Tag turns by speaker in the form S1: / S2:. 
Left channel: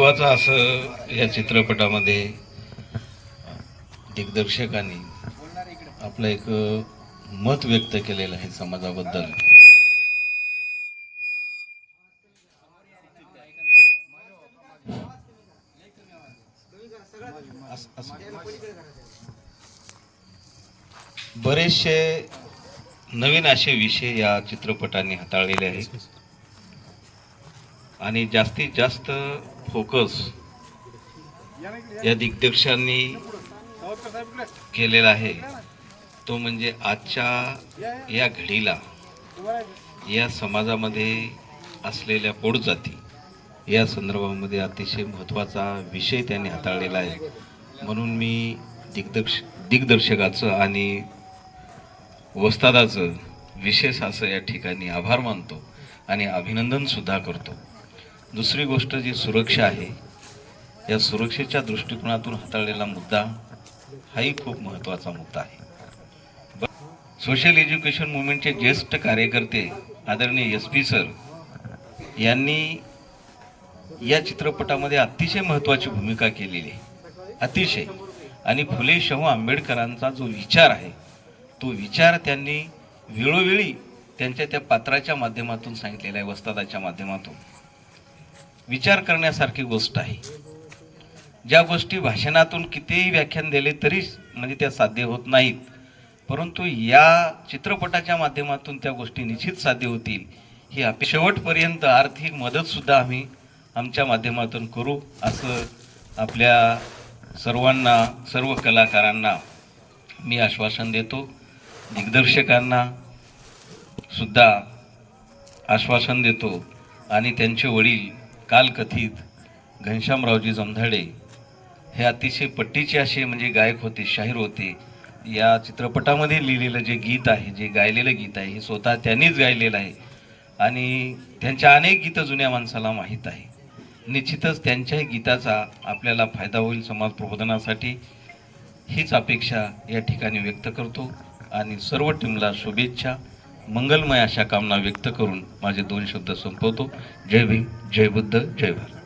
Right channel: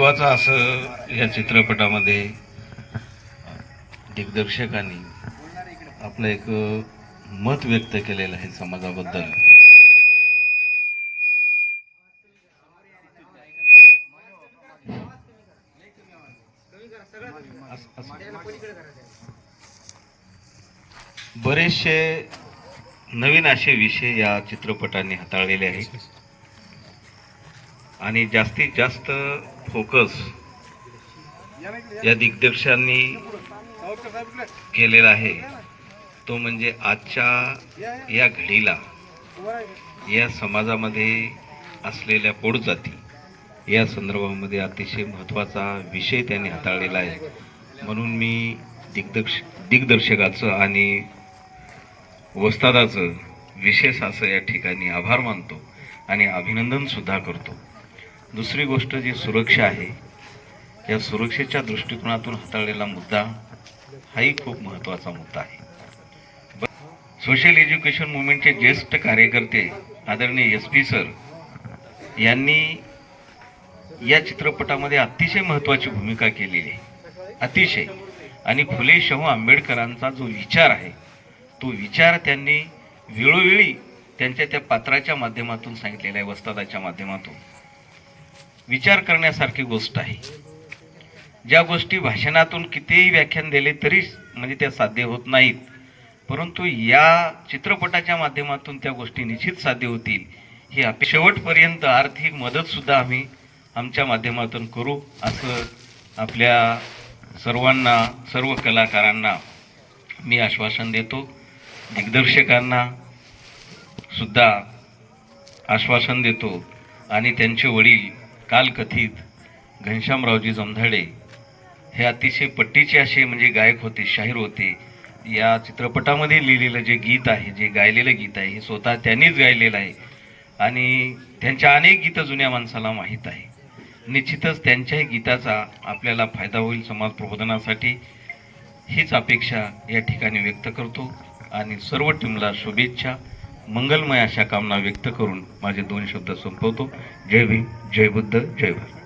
S1: महत्वाचं असं या चित्रपटामध्ये दिग्दर्शकांनी आपलं एक मत व्यक्त केलेलं आहे समाजाबद्दल. बरेचसे नवीन असे विषय या चित्रपटाने हाताळलेले आहेत. आणि जास्तीत जास्त फोकस या दिग्दर्शकांनी केलेला आहे. तो म्हणजे आजच्या या घडीला या समाजामध्ये असलेल्या पोटजाती या संदर्भामध्ये अतिशय महत्त्वाचा विषय त्यांनी हाताळलेला आहे. म्हणून मी दिग्दर्श दिग्दर्शकाचं आणि वस्तादाचं विशेष असं या ठिकाणी आभार मानतो आणि अभिनंदनसुद्धा करतो. दुसरी गोष्ट जी सुरक्षा आहे या सुरक्षेच्या दृष्टिकोनातून हाताळलेला मुद्दा हाही खूप महत्त्वाचा मुद्दा आहे. सोशल एज्युकेशन मुवमेंटचे ज्येष्ठ कार्यकर्ते आदरणीय एस पी सर यांनी या चित्रपटामध्ये अतिशय महत्त्वाची भूमिका केलेली आहे. अतिशय. आणि फुले शाहू आंबेडकरांचा जो विचार आहे तो विचार त्यांनी वेळोवेळी त्यांच्या त्या पात्राच्या माध्यमातून सांगितलेला आहे वस्तादाच्या माध्यमातून. विचार करण्यासारखी गोष्ट आहे. ज्या गोष्टी भाषणातून कितीही व्याख्यान दिले तरी म्हणजे त्या साध्य होत नाहीत. परंतु या चित्रपटाच्या माध्यमातून त्या गोष्टी निश्चित साध्य होतील ही आप शेवटपर्यंत आर्थिक मदतसुद्धा आम्ही आमच्या माध्यमातून करू असं आपल्या सर्वांना सर्व कलाकारांना मी आश्वासन देतो. दिग्दर्शकांना सुद्धा आश्वासन देतो. आणि त्यांचे वडील कालकथित घनश्यामरावजी जोंधाडे हे अतिशय पट्टीचे असे म्हणजे गायक होते शाहीर होते. या चित्रपटामध्ये लिहिलेलं जे गीत आहे जे गायलेलं गीत आहे हे स्वतः त्यांनीच गायलेलं आहे. आणि त्यांच्या अनेक गीतं जुन्या माणसाला माहीत आहे. निश्चितच त्यांच्याही गीताचा आपल्याला फायदा होईल समाज प्रबोधनासाठी हीच अपेक्षा या ठिकाणी व्यक्त करतो. आणि सर्व टीमला शुभेच्छा. मंगलमय अशा कामना व्यक्त करून माझे दोन शब्द संपवतो. जय भीम जय बुद्ध जय भारत.